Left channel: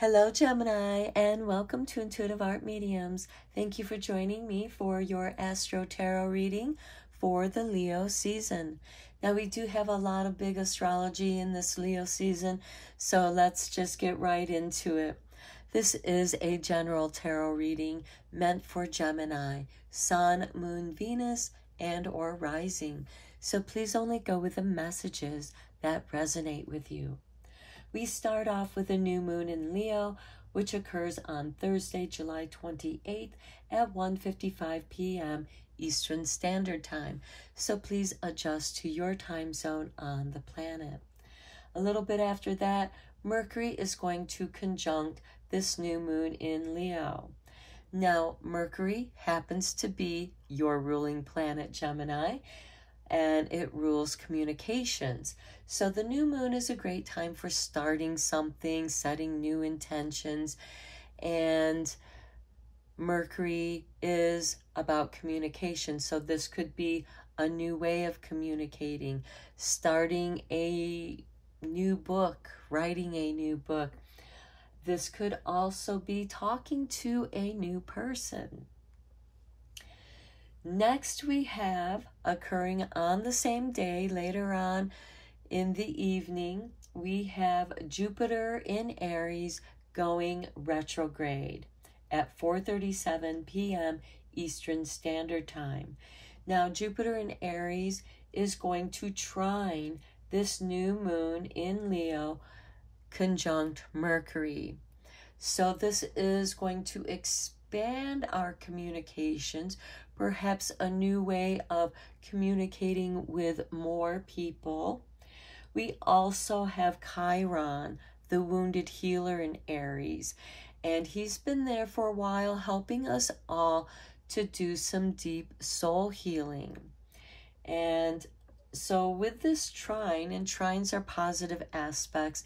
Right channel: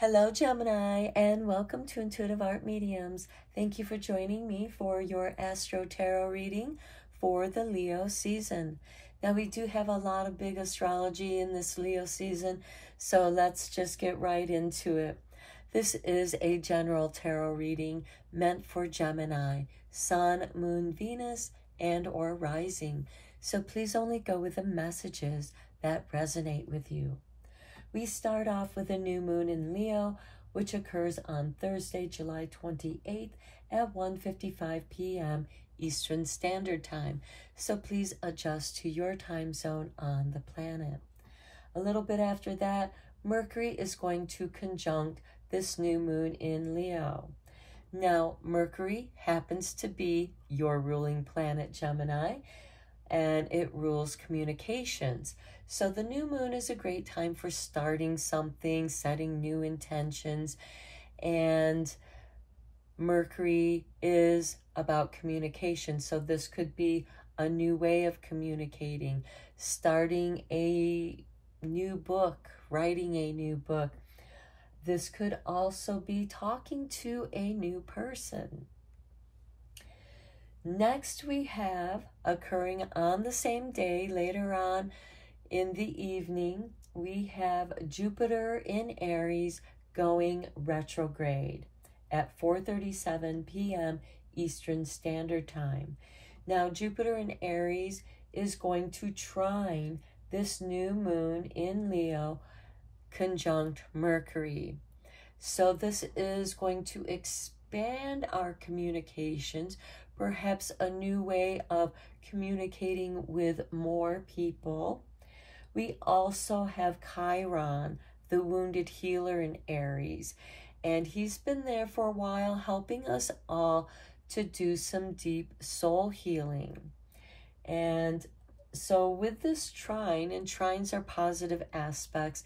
Hello, Gemini, and welcome to Intuitive Art Mediums. Thank you for joining me for your Astro-Tarot reading for the Leo season. Now, we do have a lot of big astrology in this Leo season, so let's just get right into it. This is a general tarot reading meant for Gemini, Sun, Moon, Venus, and or rising. So please only go with the messages that resonate with you. We start off with a new moon in Leo, which occurs on Thursday, July 28th at 1:55 p.m. Eastern Standard Time. So please adjust to your time zone on the planet. A little bit after that, Mercury is going to conjunct this new moon in Leo. Now, Mercury happens to be your ruling planet, Gemini, and it rules communications. So the new moon is a great time for starting something, setting new intentions, and Mercury is about communication. So this could be a new way of communicating, starting a new book, writing a new book. This could also be talking to a new person. Next, we have, occurring on the same day, later on in the evening, we have Jupiter in Aries going retrograde at 4:37 p.m. Eastern Standard Time. Now, Jupiter in Aries is going to trine this new moon in Leo conjunct Mercury. So this is going to expand our communications, perhaps a new way of communicating with more people. We also have Chiron, the wounded healer in Aries, and he's been there for a while helping us all to do some deep soul healing. And so with this trine, and trines are positive aspects,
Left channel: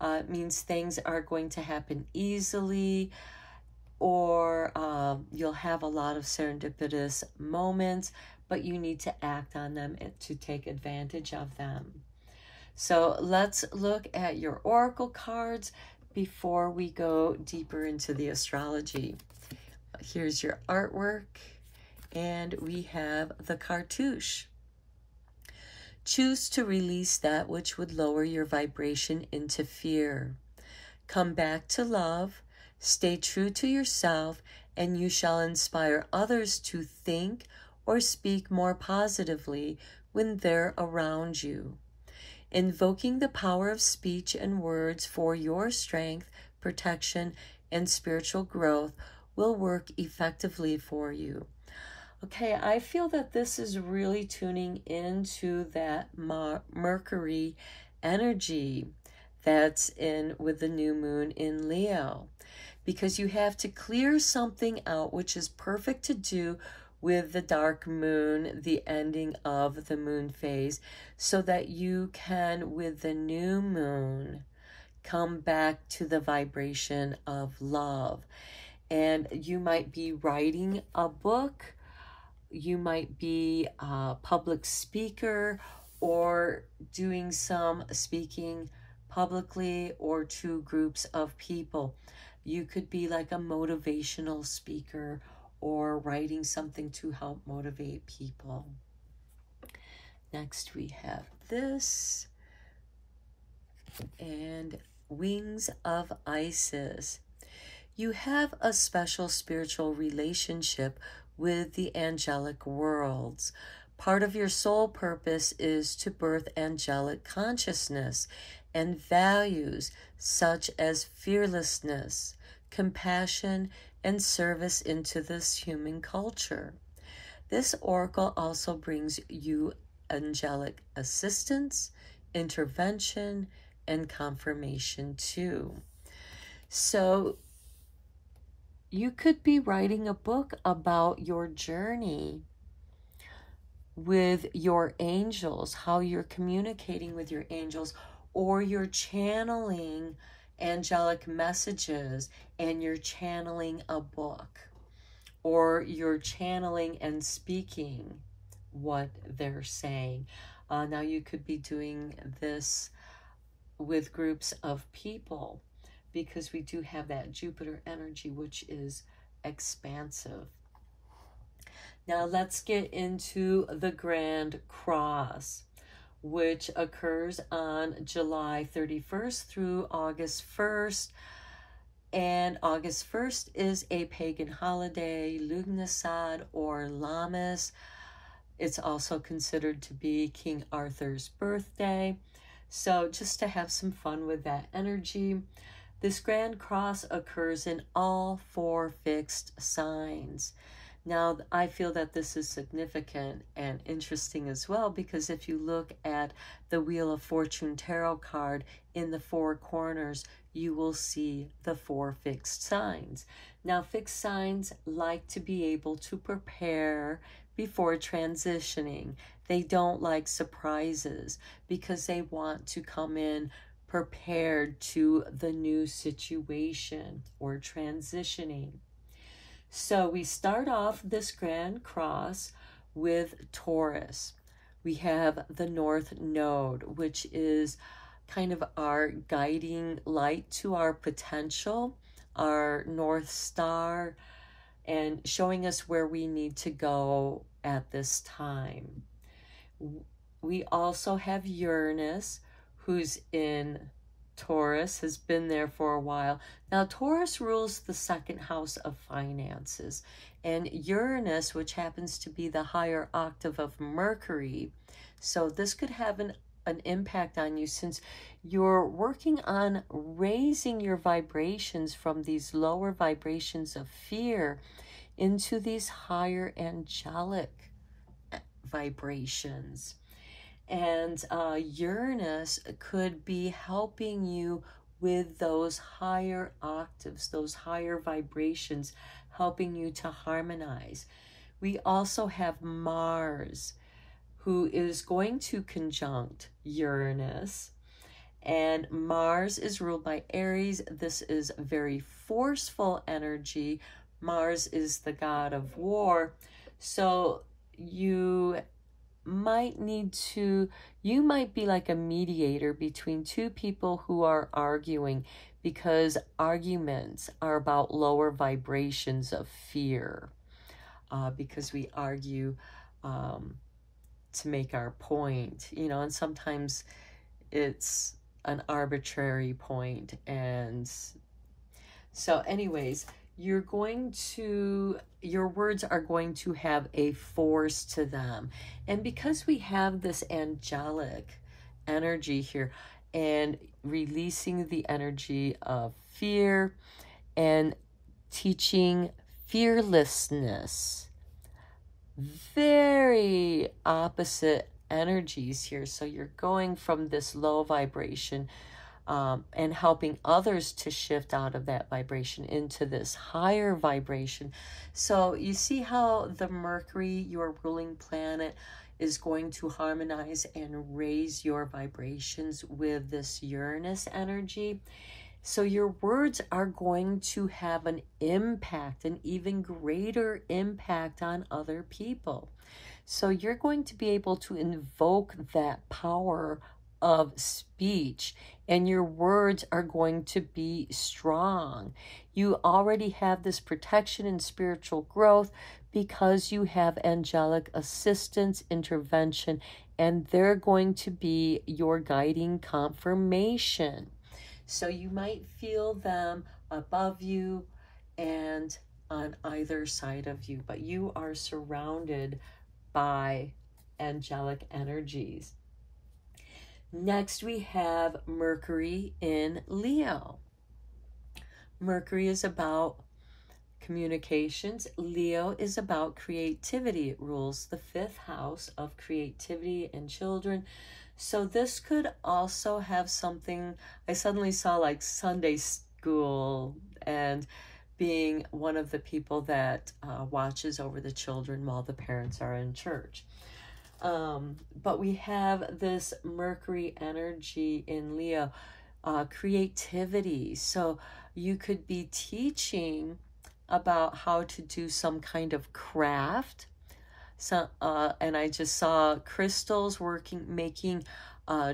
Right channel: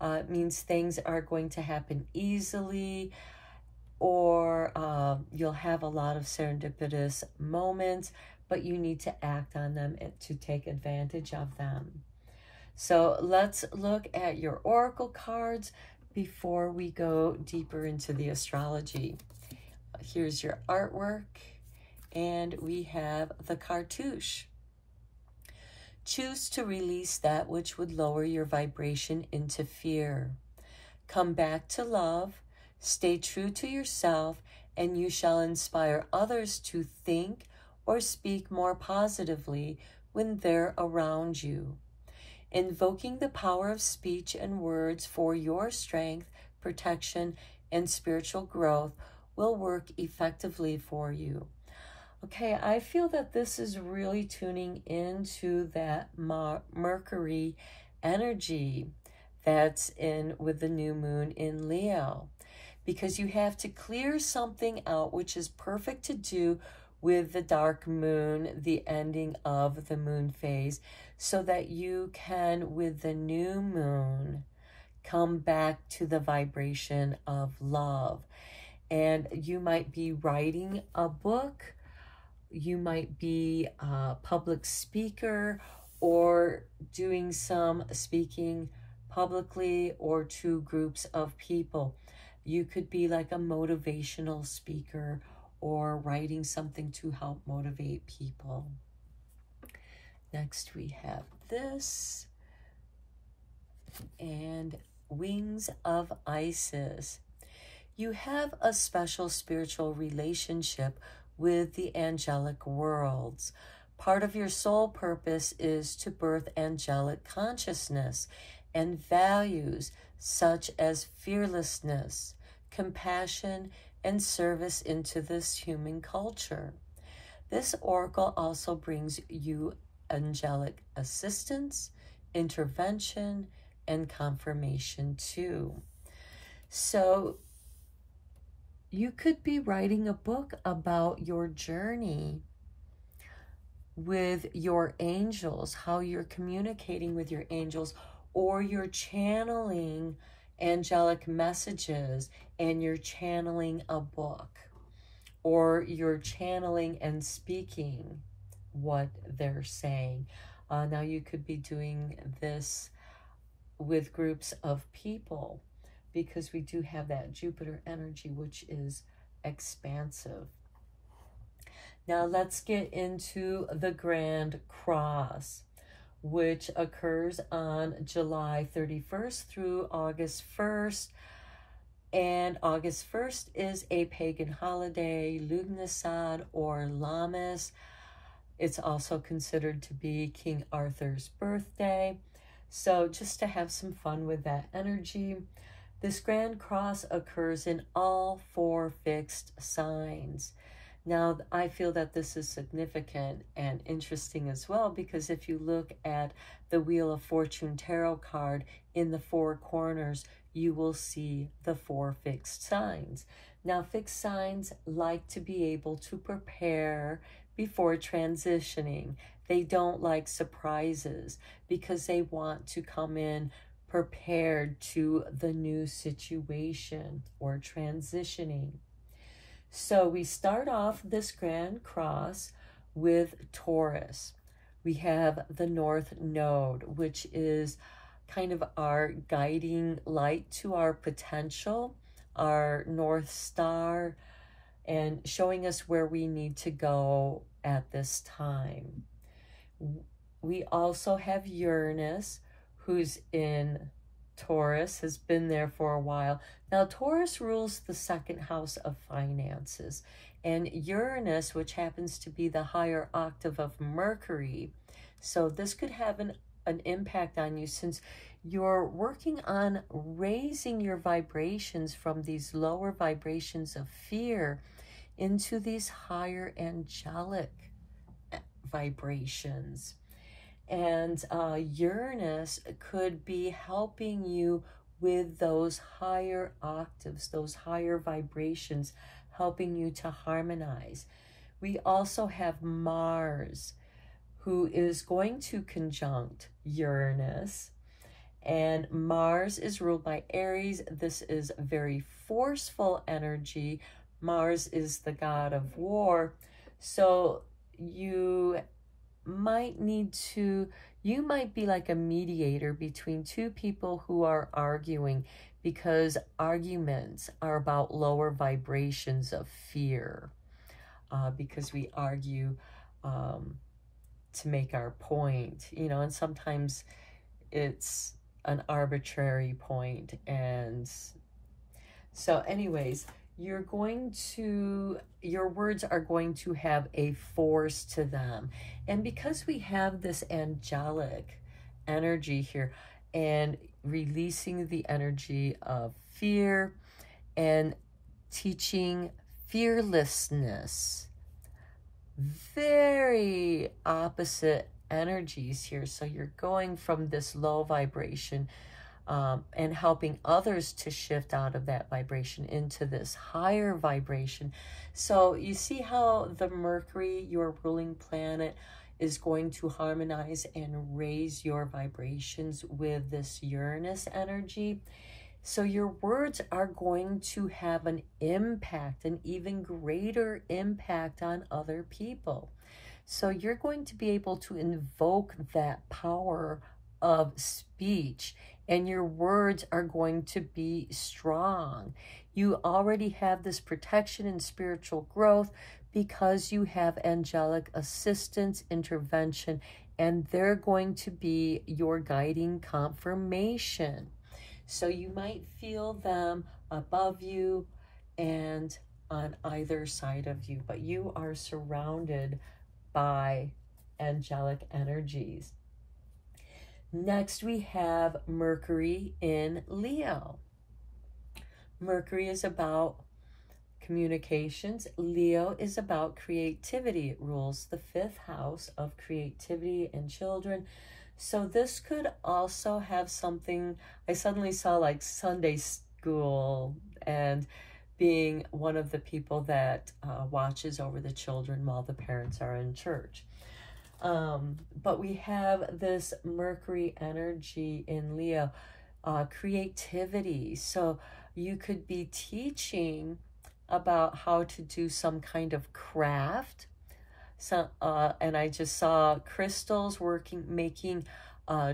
it means things are going to happen easily, or you'll have a lot of serendipitous moments, but you need to act on them to take advantage of them. So let's look at your oracle cards before we go deeper into the astrology. Here's your artwork, and we have the cartouche. Choose to release that which would lower your vibration into fear. Come back to love. Stay true to yourself, and you shall inspire others to think or speak more positively when they're around you. Invoking the power of speech and words for your strength, protection, and spiritual growth will work effectively for you. Okay, I feel that this is really tuning into that Mercury energy that's in with the new moon in Leo, because you have to clear something out, which is perfect to do with the dark moon, the ending of the moon phase, so that you can, with the new moon, come back to the vibration of love. And you might be writing a book, you might be a public speaker, or doing some speaking publicly or to groups of people. You could be like a motivational speaker or writing something to help motivate people. Next we have this, and Wings of Isis. You have a special spiritual relationship with the angelic worlds. Part of your soul purpose is to birth angelic consciousness and values such as fearlessness, compassion, and service into this human culture. This oracle also brings you angelic assistance, intervention, and confirmation too. So you could be writing a book about your journey with your angels, how you're communicating with your angels, or you're channeling angelic messages and you're channeling a book, or you're channeling and speaking what they're saying. Now you could be doing this with groups of people, because we do have that Jupiter energy, which is expansive. Now let's get into the Grand Cross, which occurs on July 31st through August 1st. And August 1st is a pagan holiday, Lughnasadh or Lammas. It's also considered to be King Arthur's birthday. So just to have some fun with that energy. This Grand Cross occurs in all 4 fixed signs. Now, I feel that this is significant and interesting as well, because if you look at the Wheel of Fortune tarot card, in the 4 corners, you will see the 4 fixed signs. Now, fixed signs like to be able to prepare before transitioning. They don't like surprises because they want to come in prepared to the new situation or transitioning. So we start off this Grand Cross with Taurus. We have the North Node, which is kind of our guiding light to our potential, our North Star, and showing us where we need to go at this time. We also have Uranus, who's in Taurus, has been there for a while. Now, Taurus rules the 2nd house of finances, and Uranus, which happens to be the higher octave of Mercury. So this could have an impact on you, since you're working on raising your vibrations from these lower vibrations of fear into these higher angelic vibrations. And Uranus could be helping you with those higher octaves, those higher vibrations, helping you to harmonize. We also have Mars, who is going to conjunct Uranus. And Mars is ruled by Aries. This is very forceful energy. Mars is the god of war. So you might be like a mediator between 2 people who are arguing, because arguments are about lower vibrations of fear, because we argue to make our point, you know, and sometimes it's an arbitrary point. And so anyways, your words are going to have a force to them. And because we have this angelic energy here, and releasing the energy of fear and teaching fearlessness, very opposite energies here. So you're going from this low vibration and helping others to shift out of that vibration into this higher vibration. So you see how the Mercury, your ruling planet, is going to harmonize and raise your vibrations with this Uranus energy. So your words are going to have an impact, an even greater impact on other people. So you're going to be able to invoke that power of speech, and your words are going to be strong. You already have this protection and spiritual growth because you have angelic assistance, intervention, and they're going to be your guiding confirmation. So you might feel them above you and on either side of you, but you are surrounded by angelic energies. Next, we have Mercury in Leo. Mercury is about communications. Leo is about creativity. It rules the 5th house of creativity and children. So this could also have something, I suddenly saw like Sunday school and being one of the people that watches over the children while the parents are in church. But we have this Mercury energy in Leo, creativity. So you could be teaching about how to do some kind of craft. So, and I just saw crystals making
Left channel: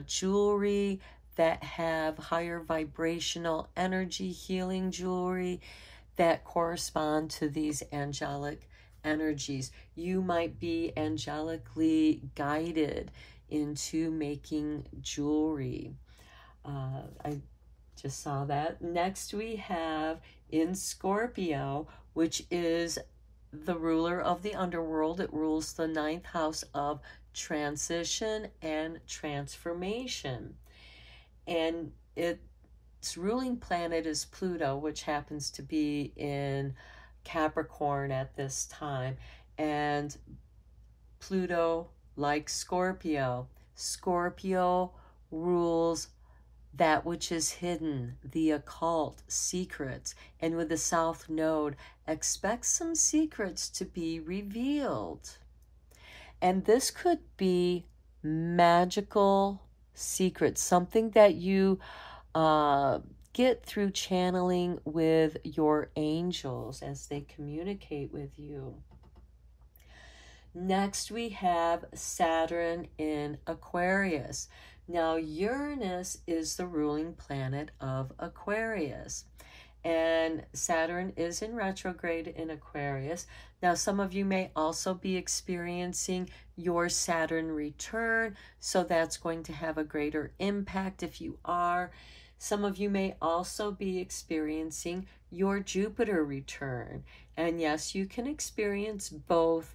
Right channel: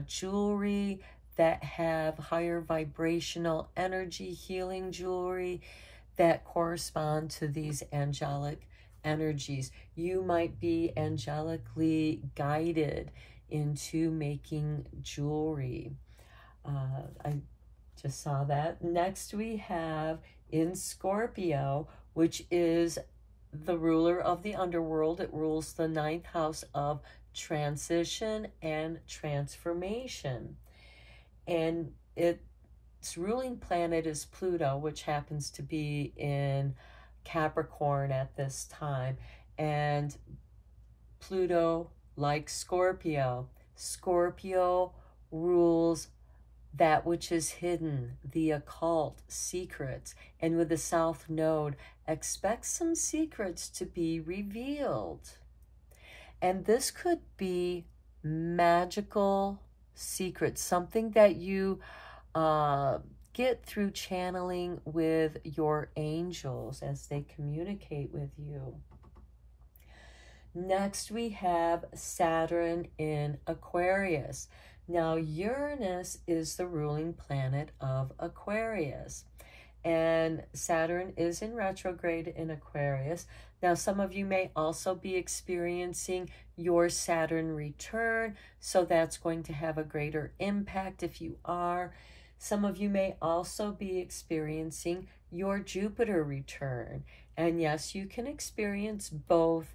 jewelry that have higher vibrational energy, healing jewelry that correspond to these angelic energies. You might be angelically guided into making jewelry. I just saw that. Next we have in Scorpio, which is the ruler of the underworld. It rules the 9th house of transition and transformation. And its ruling planet is Pluto, which happens to be in Capricorn at this time. And Pluto, like Scorpio, Scorpio rules that which is hidden, the occult, secrets. And with the South Node, expect some secrets to be revealed. And this could be magical secrets, something that you get through channeling with your angels as they communicate with you. Next, we have Saturn in Aquarius. Now, Uranus is the ruling planet of Aquarius, and Saturn is in retrograde in Aquarius. Now, some of you may also be experiencing your Saturn return, so that's going to have a greater impact if you are. Some of you may also be experiencing your Jupiter return, and yes, you can experience both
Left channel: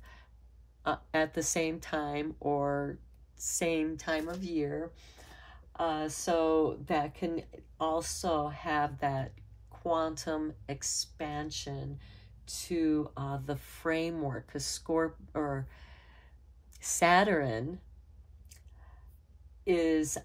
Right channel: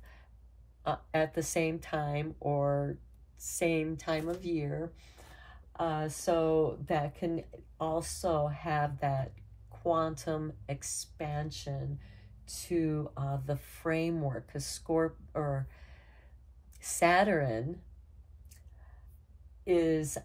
at the same time or same time of year. So that can also have that quantum expansion to the framework, because Saturn is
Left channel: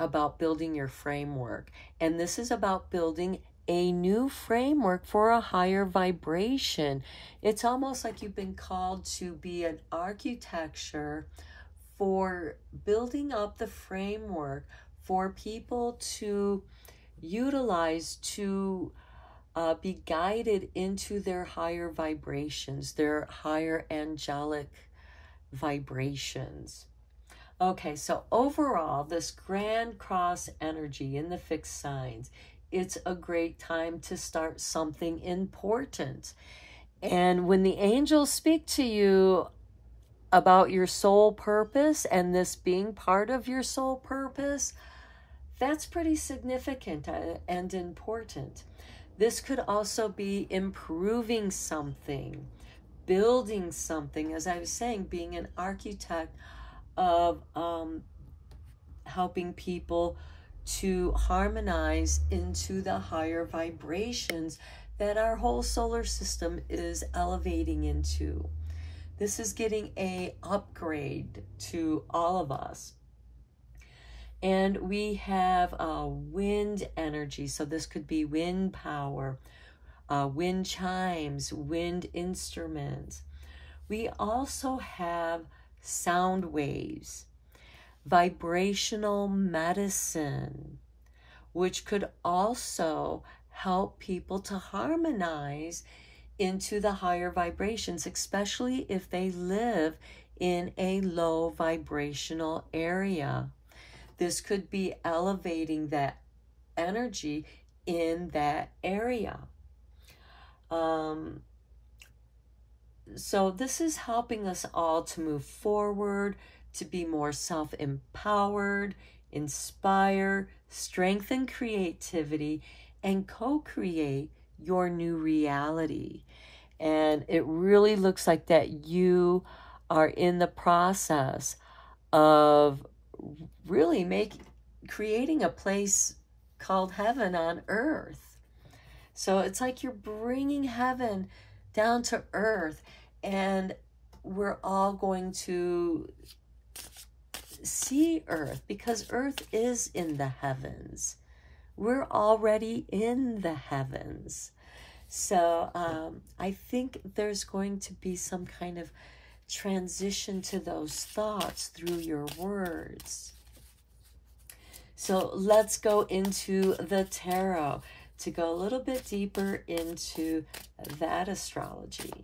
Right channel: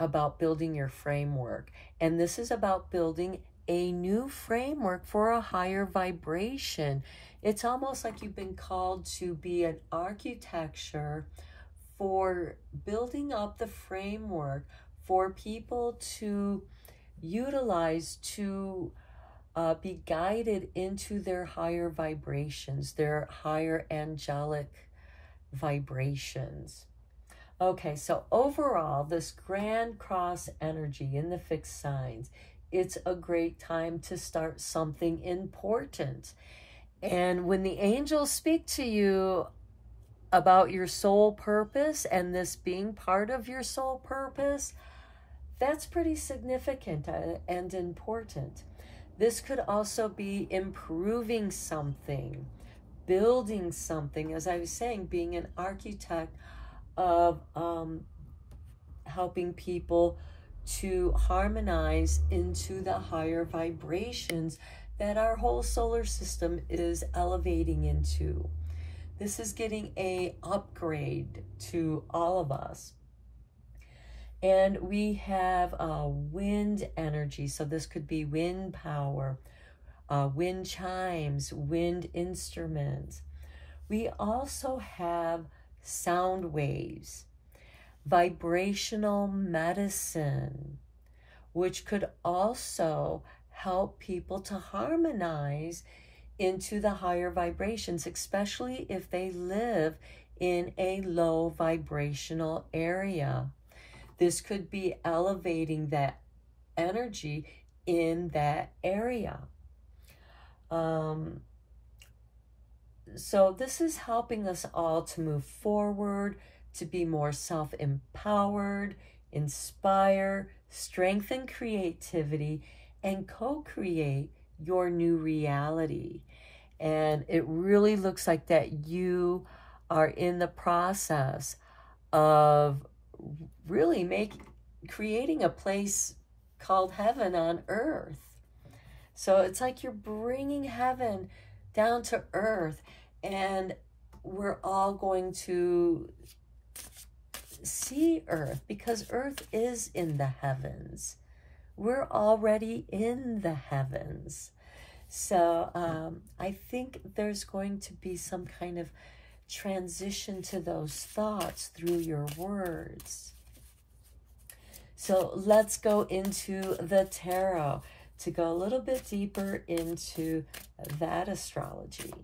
about building your framework, and this is about building a new framework for a higher vibration. It's almost like you've been called to be an architecture for building up the framework for people to utilize to be guided into their higher vibrations, their higher angelic vibrations. Okay, so overall, this Grand Cross energy in the fixed signs, it's a great time to start something important. And when the angels speak to you about your soul purpose and this being part of your soul purpose, that's pretty significant and important. This could also be improving something, building something, as I was saying, being an architect of helping people to harmonize into the higher vibrations that our whole solar system is elevating into. This is getting an upgrade to all of us. And we have wind energy, so this could be wind power, wind chimes, wind instruments. We also have sound waves, vibrational medicine, which could also help people to harmonize into the higher vibrations, especially if they live in a low vibrational area. This could be elevating that energy in that area. So this is helping us all to move forward, to be more self-empowered, inspire, strengthen creativity, and co-create your new reality. And it really looks like that you are in the process of really creating a place called heaven on earth. So it's like you're bringing heaven down to earth, and we're all going to see earth because earth is in the heavens. We're already in the heavens. So I think there's going to be some kind of transition to those thoughts through your words. So let's go into the tarot to go a little bit deeper into that astrology.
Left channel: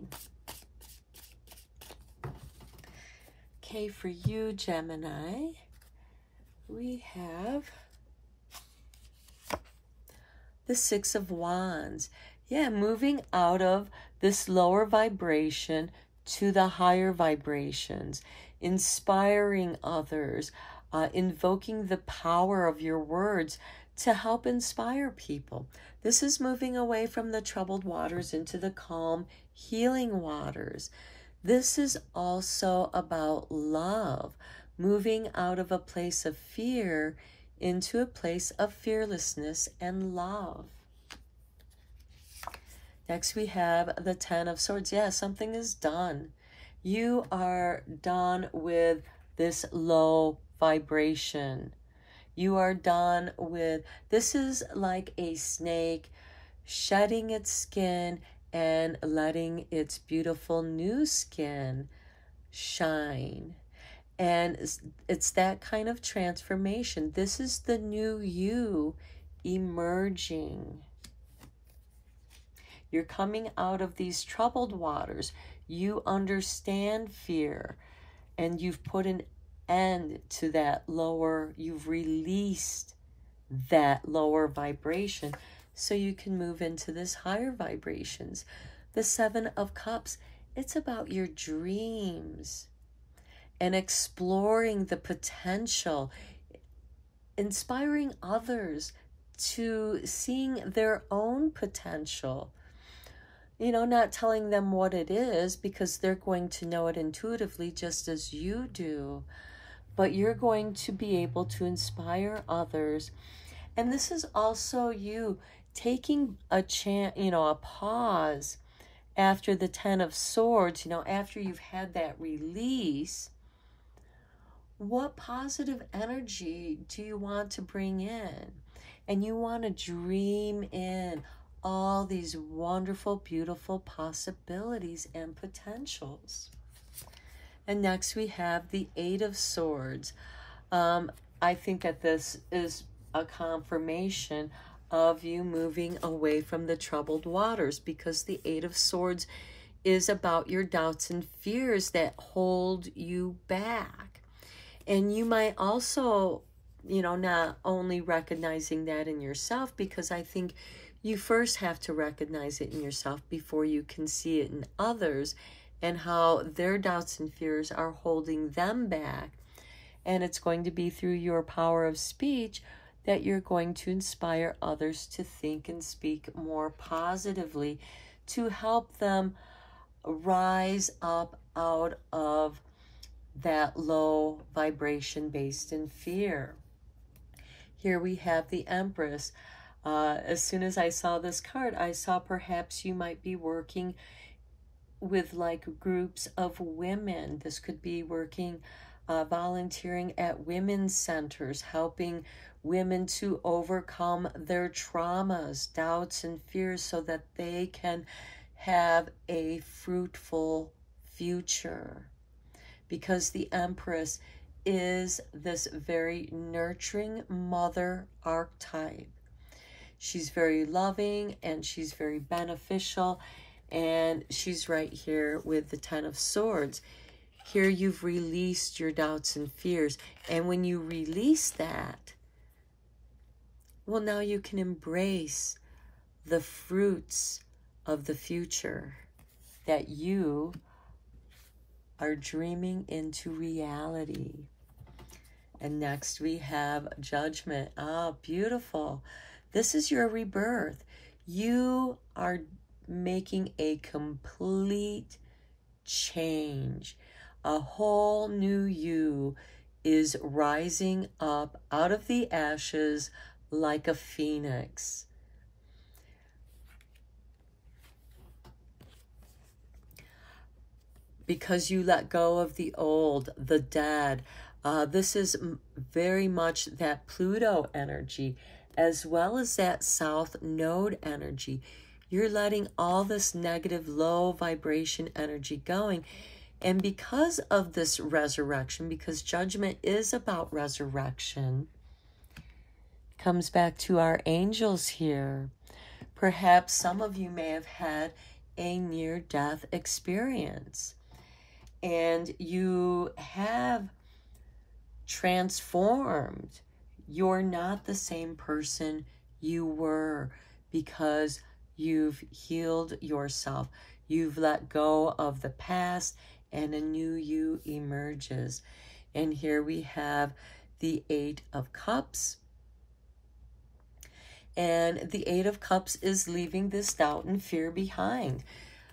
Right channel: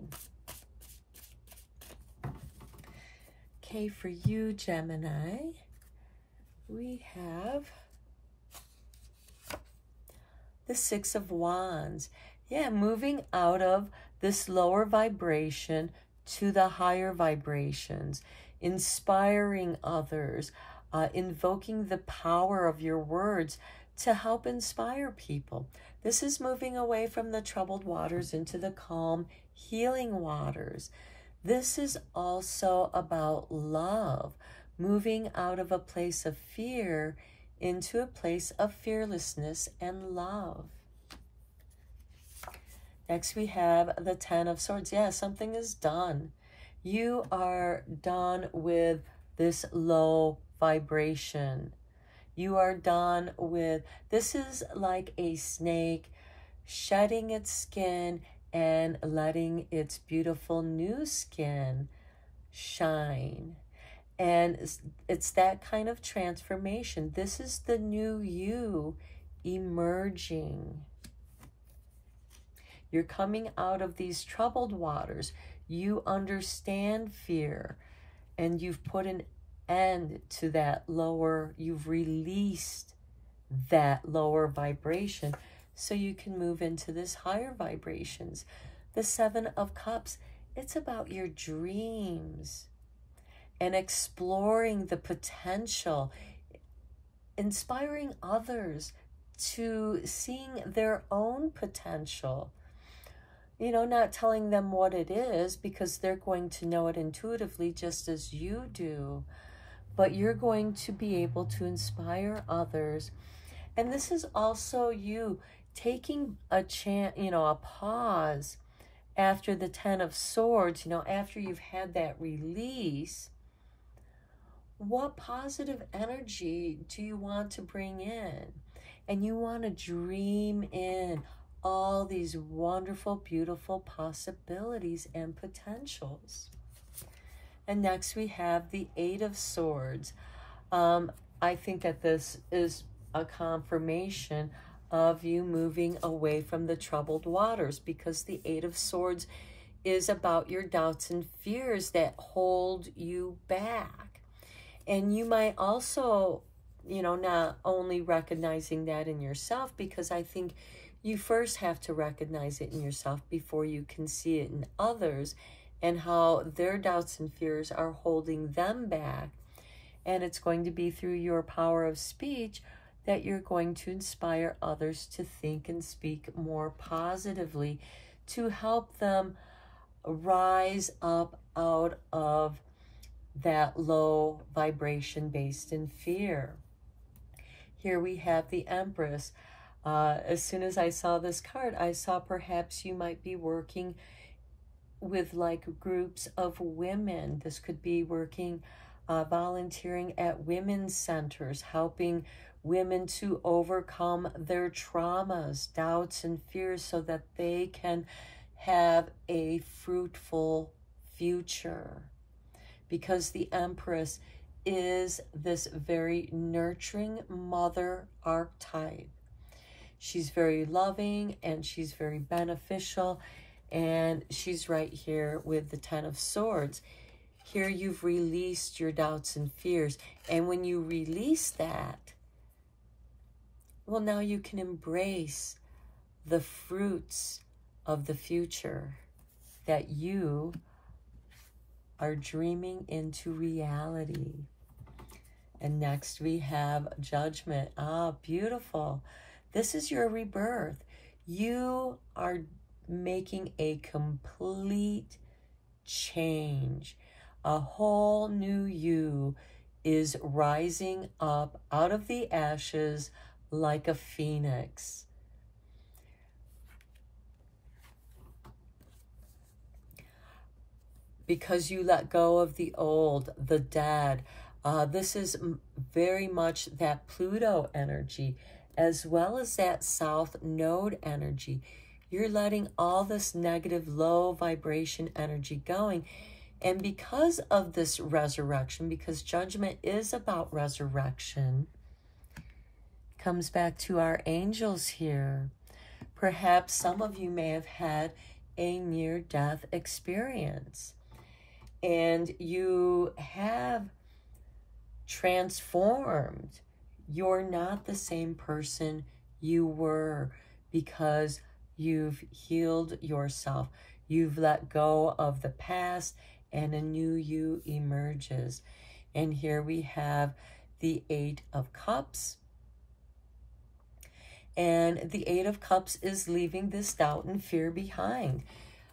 Okay, for you, Gemini, we have the Six of Wands. Yeah, moving out of this lower vibration to the higher vibrations, inspiring others, invoking the power of your words to help inspire people. This is moving away from the troubled waters into the calm, healing waters. This is also about love, moving out of a place of fear into a place of fearlessness and love. Next we have the Ten of Swords. Yeah, something is done. You are done with this low vibration. You are done with, this is like a snake shedding its skin and letting its beautiful new skin shine. And it's that kind of transformation. This is the new you emerging. You're coming out of these troubled waters. You understand fear, and you've put an end to that lower, you've released that lower vibration so you can move into this higher vibrations. The Seven of Cups, it's about your dreams and exploring the potential, inspiring others to seeing their own potential. You know, not telling them what it is because they're going to know it intuitively just as you do. But you're going to be able to inspire others. And this is also you taking a chance, you know, a pause after the Ten of Swords, you know, after you've had that release. What positive energy do you want to bring in? And you want to dream in all these wonderful, beautiful possibilities and potentials. And next we have the Eight of Swords. I think that this is a confirmation of you moving away from the troubled waters, because the Eight of Swords is about your doubts and fears that hold you back. And you might also, you know, not only recognizing that in yourself, because I think you first have to recognize it in yourself before you can see it in others and how their doubts and fears are holding them back. And it's going to be through your power of speech that you're going to inspire others to think and speak more positively to help them rise up out of that low vibration based in fear. Here we have the Empress. As soon as I saw this card, I saw perhaps you might be working with like groups of women. This could be working, volunteering at women's centers, helping women to overcome their traumas, doubts, and fears so that they can have a fruitful future. Because the Empress is this very nurturing mother archetype. She's very loving and she's very beneficial, and she's right here with the Ten of Swords. Here you've released your doubts and fears, and when you release that, well, now you can embrace the fruits of the future that you are dreaming into reality. And next we have Judgment. Ah, beautiful. This is your rebirth. You are making a complete change. A whole new you is rising up out of the ashes like a phoenix. Because you let go of the old, the dead. This is very much that Pluto energy, as well as that South Node energy. You're letting all this negative, low vibration energy going. And because of this resurrection, because Judgment is about resurrection, comes back to our angels here. Perhaps some of you may have had a near-death experience, and you have transformed. You're not the same person you were because you've healed yourself. You've let go of the past and a new you emerges. And here we have the Eight of Cups. And the Eight of Cups is leaving this doubt and fear behind.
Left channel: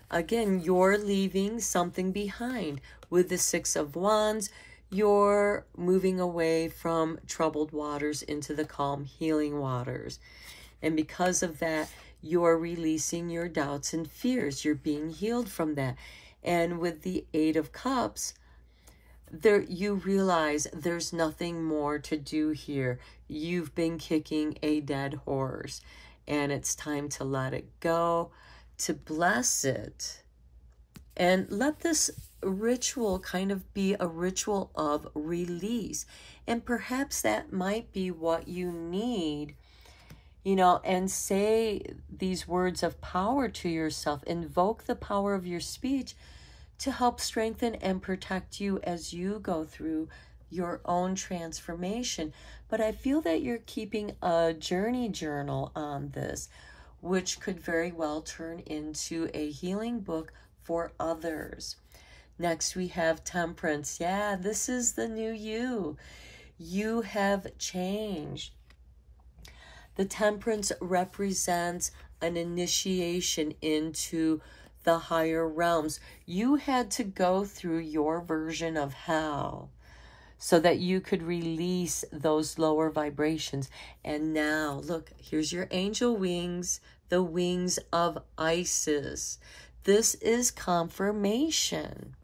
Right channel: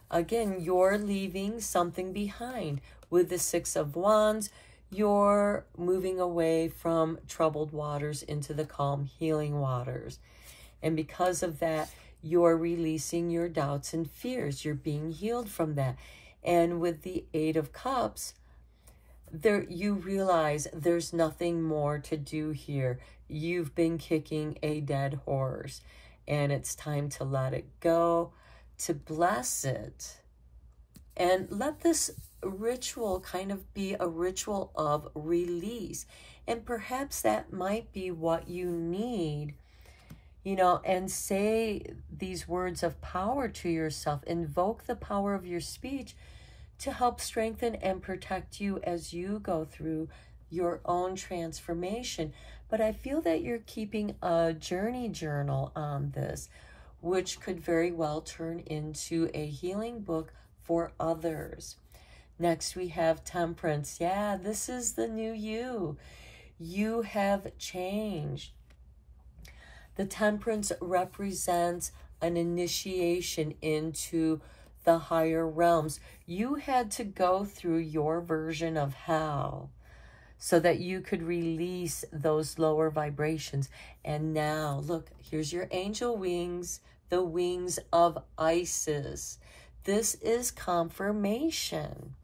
Again, you're leaving something behind. With the Six of Wands, you're moving away from troubled waters into the calm, healing waters. And because of that, you're releasing your doubts and fears. You're being healed from that. And with the Eight of Cups, you realize there's nothing more to do here. You've been kicking a dead horse, and it's time to let it go, to bless it, and let this ritual kind of be a ritual of release. And perhaps that might be what you need, you know, and say these words of power to yourself. Invoke the power of your speech to help strengthen and protect you as you go through your own transformation. But I feel that you're keeping a journey journal on this, which could very well turn into a healing book for others. Next, we have Temperance. Yeah, this is the new you. You have changed. The Temperance represents an initiation into the higher realms. You had to go through your version of hell so that you could release those lower vibrations. And now, look, here's your angel wings, the wings of Isis. This is confirmation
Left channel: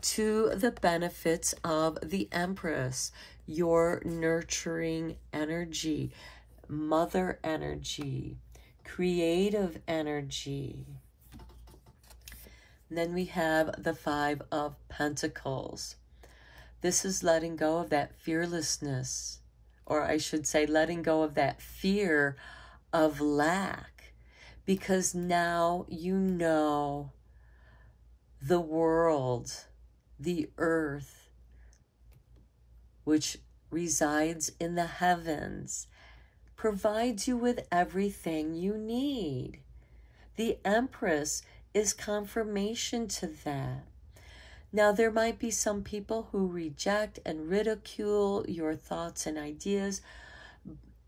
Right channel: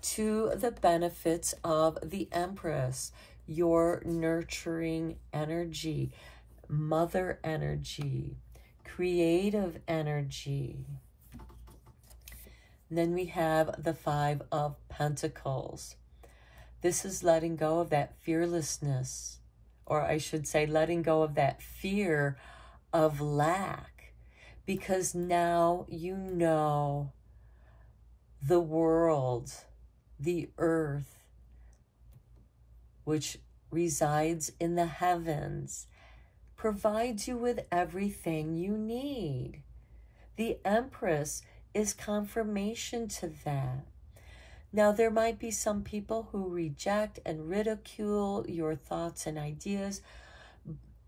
to the benefits of the Empress, your nurturing energy, mother energy, creative energy. And then we have the Five of Pentacles. This is letting go of that fearlessness, or I should say letting go of that fear of lack, because now you know the world, the earth, which resides in the heavens, provides you with everything you need. The Empress is confirmation to that. Now, there might be some people who reject and ridicule your thoughts and ideas,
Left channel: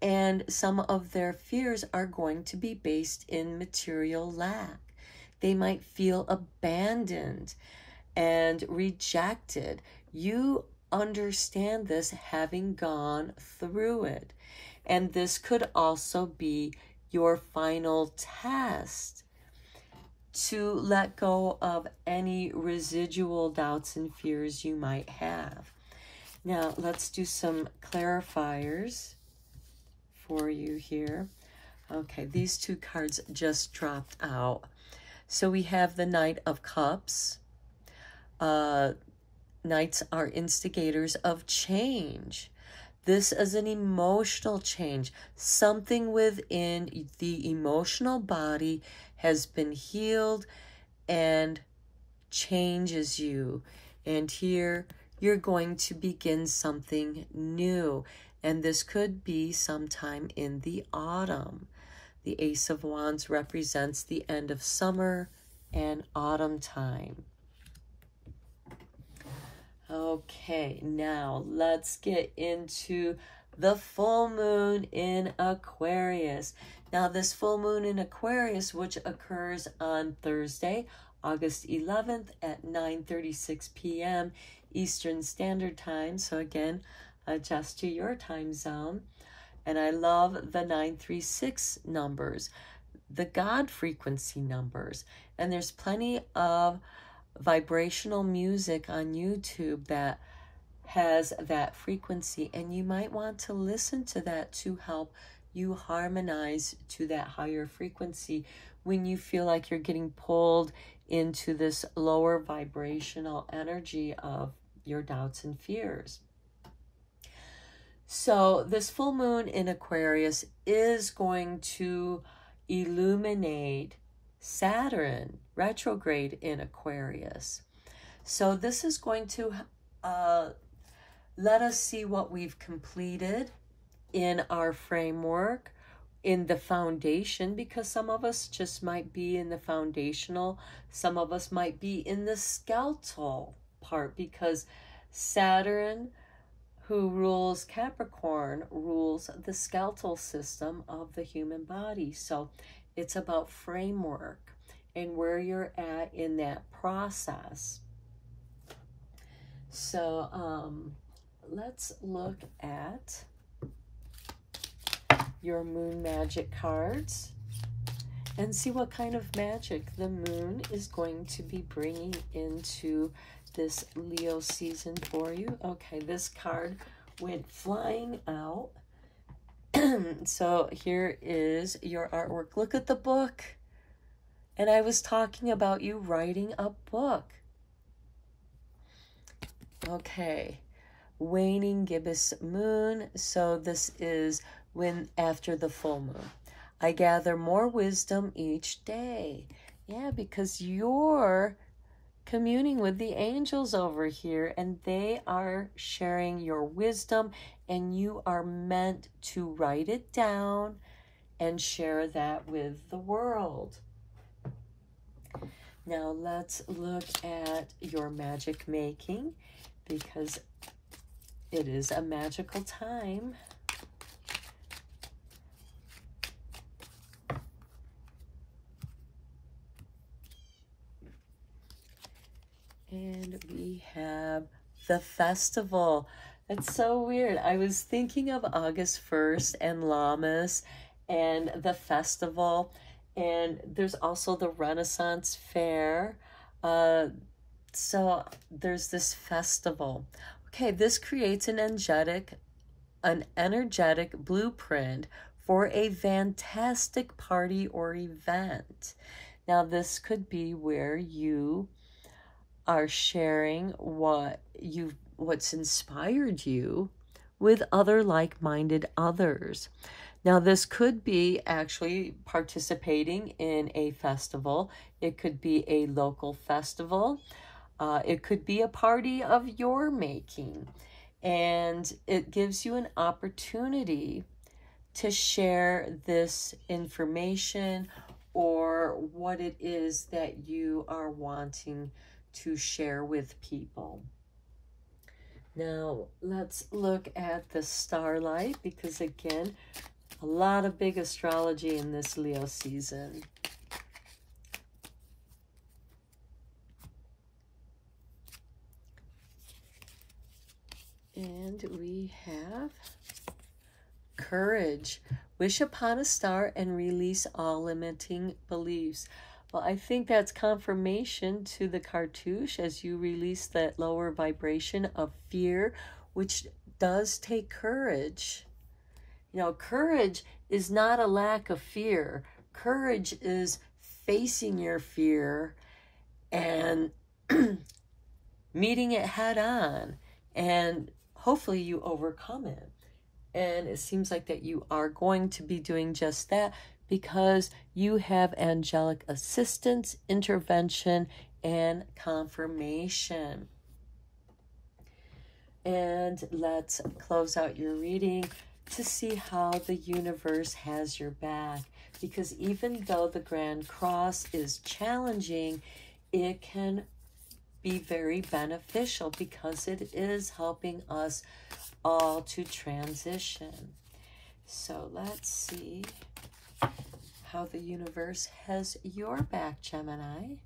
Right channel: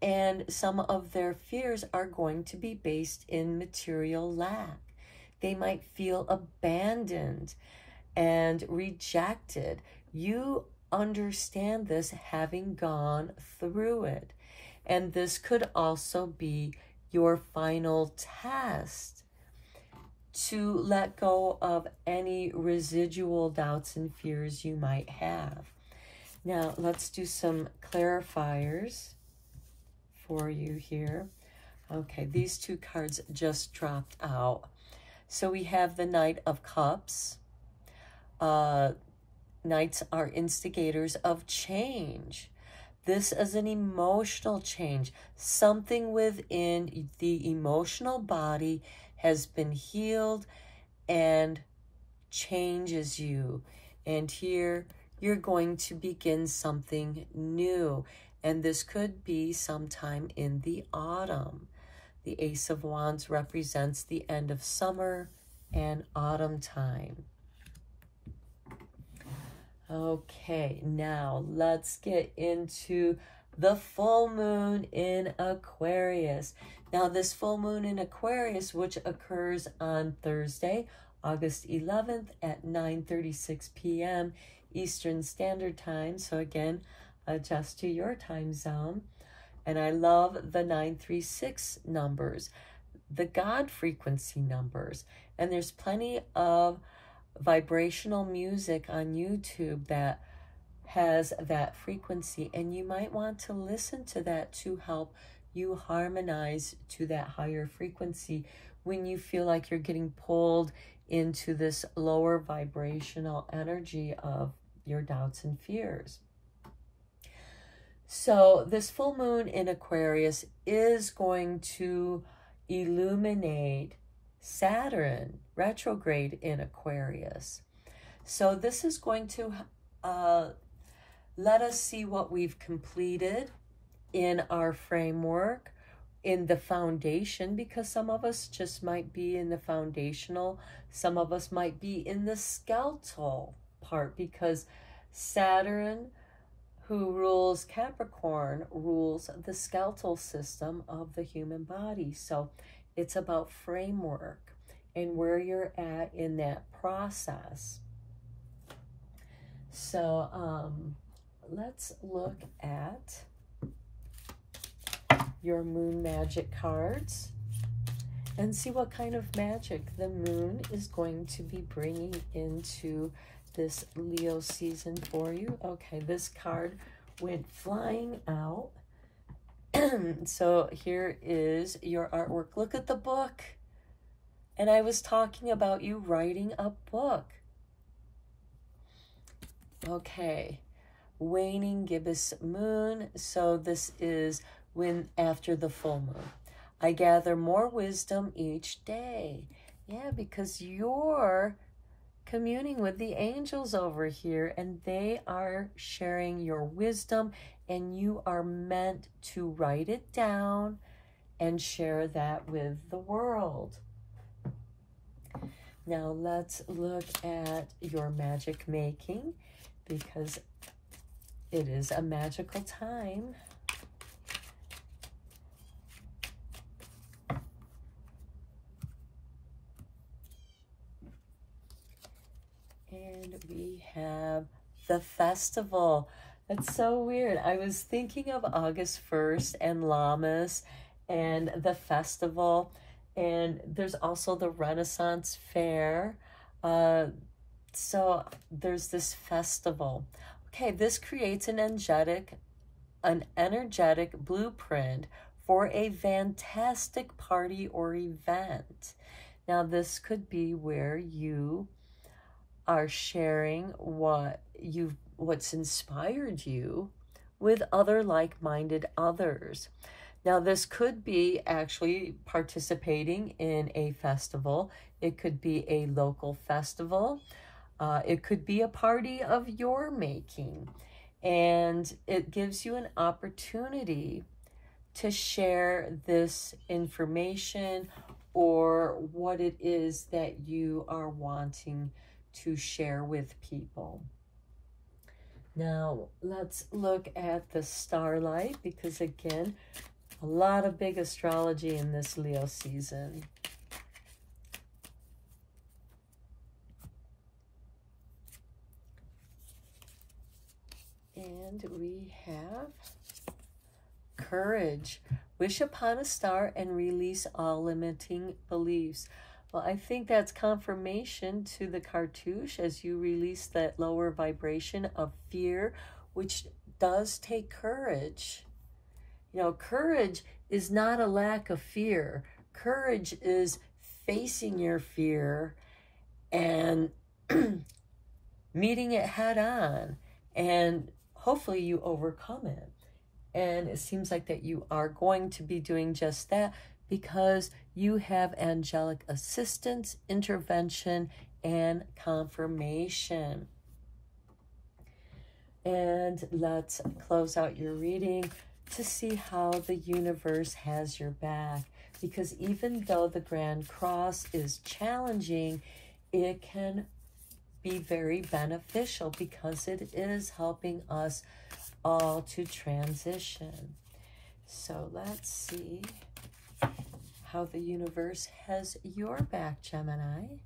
and some of their fears are going to be based in material lack. They might feel abandoned and rejected. You understand this, having gone through it. And this could also be your final test to let go of any residual doubts and fears you might have. Now, let's do some clarifiers for you here. Okay, these two cards just dropped out. So we have the Knight of Cups. Knights are instigators of change. This is an emotional change. Something within the emotional body has been healed and changes you. And here you're going to begin something new. And this could be sometime in the autumn. The Ace of Wands represents the end of summer and autumn time. Okay, now let's get into the full moon in Aquarius. Now, this full moon in Aquarius, which occurs on Thursday, August 11th at 9:36 p.m. Eastern Standard Time. So again, adjust to your time zone. And I love the 936 numbers, the God frequency numbers. And there's plenty of vibrational music on YouTube that has that frequency, and you might want to listen to that to help you harmonize to that higher frequency when you feel like you're getting pulled into this lower vibrational energy of your doubts and fears. So this full moon in Aquarius is going to illuminate Saturn retrograde in Aquarius. So this is going to let us see what we've completed in our framework, in the foundation, because some of us just might be in the foundational, some of us might be in the skeletal part, because Saturn, who rules Capricorn, rules the skeletal system of the human body. So it's about framework and where you're at in that process. So let's look at your moon magic cards and see what kind of magic the moon is going to be bringing into this Leo season for you. Okay, this card went flying out. So here is your artwork. Look at the book. And I was talking about you writing a book. Okay, waning gibbous moon. So this is when after the full moon. I gather more wisdom each day. Yeah, because you're communing with the angels over here, and they are sharing your wisdom, and you are meant to write it down and share that with the world. Now let's look at your magic making, because it is a magical time. And we have the festival. It's so weird. I was thinking of August 1st and Lammas and the festival. And there's also the Renaissance Fair. So there's this festival. Okay, this creates an energetic blueprint for a fantastic party or event. Now this could be where you are sharing what's inspired you with other like-minded others. Now this could be actually participating in a festival. It could be a local festival. It could be a party of your making. And it gives you an opportunity to share this information or what it is that you are wanting to share with people. Now let's look at the starlight, because again, a lot of big astrology in this Leo season. And we have courage. Wish upon a star and release all limiting beliefs. Well, I think that's confirmation to the cartouche as you release that lower vibration of fear, which does take courage. You know, courage is not a lack of fear. Courage is facing your fear and meeting it head on, and hopefully you overcome it. And it seems like that you are going to be doing just that, because you have angelic assistance, intervention, and confirmation. And let's close out your reading to see how the universe has your back. Because even though the Grand Cross is challenging, it can be very beneficial because it is helping us all to transition. So let's see how the universe has your back, Gemini.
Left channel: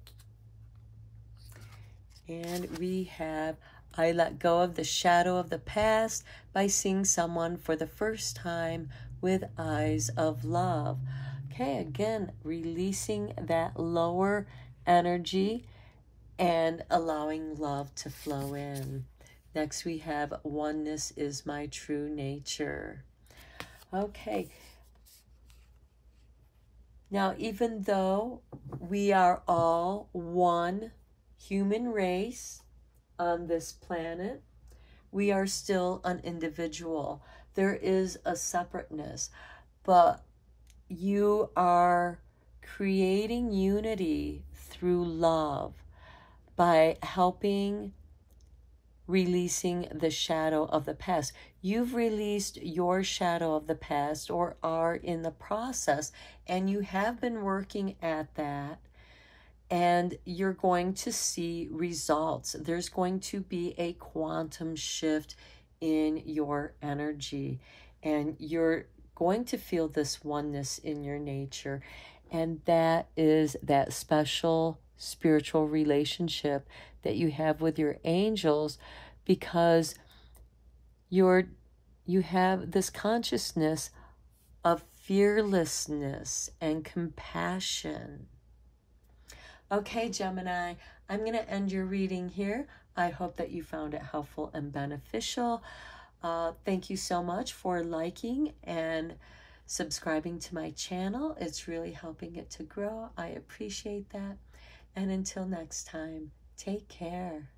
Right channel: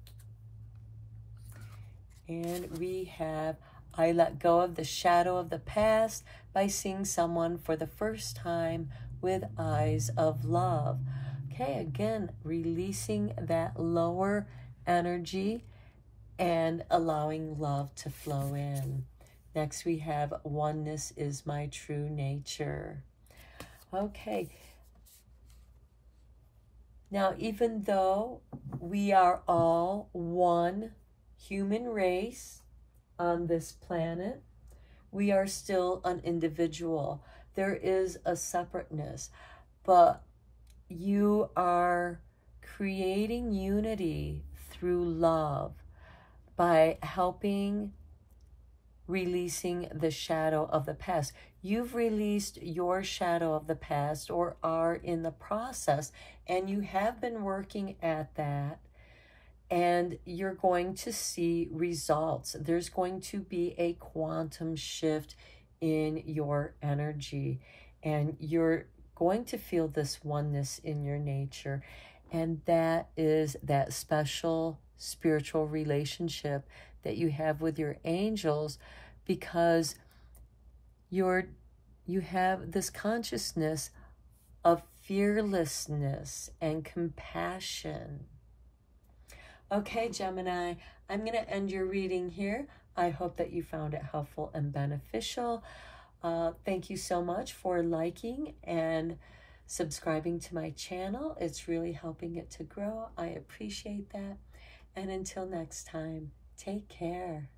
And we have, I let go of the shadow of the past by seeing someone for the first time with eyes of love. Okay, again, releasing that lower energy and allowing love to flow in. Next, we have oneness is my true nature. Okay. Now, even though we are all one human race on this planet, we are still an individual. There is a separateness, but you are creating unity through love by helping releasing the shadow of the past. you've released your shadow of the past or are in the process, and you have been working at that, and you're going to see results. There's going to be a quantum shift in your energy, and you're going to feel this oneness in your nature, and that is that special spiritual relationship that you have with your angels, because you have this consciousness of fearlessness and compassion. Okay, Gemini, I'm going to end your reading here. I hope that you found it helpful and beneficial. Thank you so much for liking and subscribing to my channel. It's really helping it to grow. I appreciate that. And until next time, take care.